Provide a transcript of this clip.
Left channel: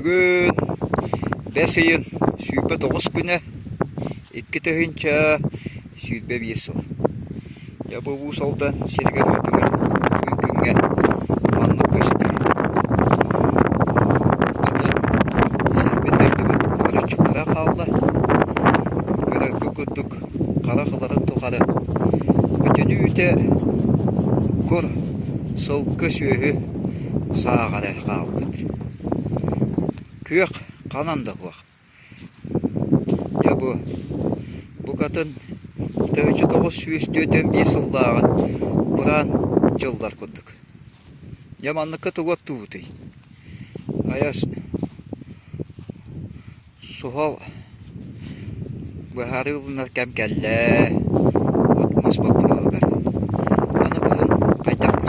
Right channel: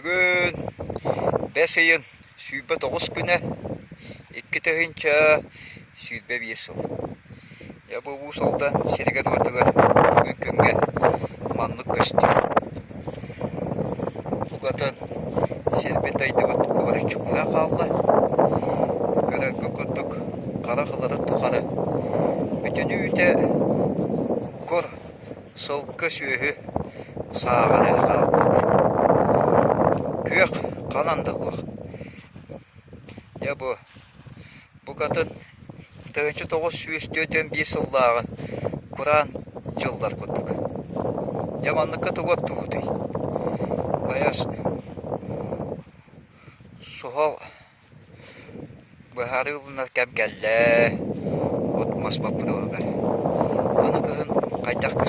Бүгін 5 айын сүйпе 9 күні 2 түйінші сүйпе 5 жыл. Я бұл салдан серігер өтігер бүгін күнге маңнық көстім. Бұдан сербен дайдыбын құлары чүкіна қалды. Көрі күкірдік қара қылары тұқары. Бүтіні өте көр сылқы сүйі сағаны қалды. Күйек қананды бұл. Я бұл қатын түйінші 9 сүйістеуден 5 жылдағы құран жылдар күттік. Я маңныққа тұғат тұғыды. Аяс сұғал бұхары ұлынар кәм кәлі отмас бапыр олғар. Аны күгін қайтақ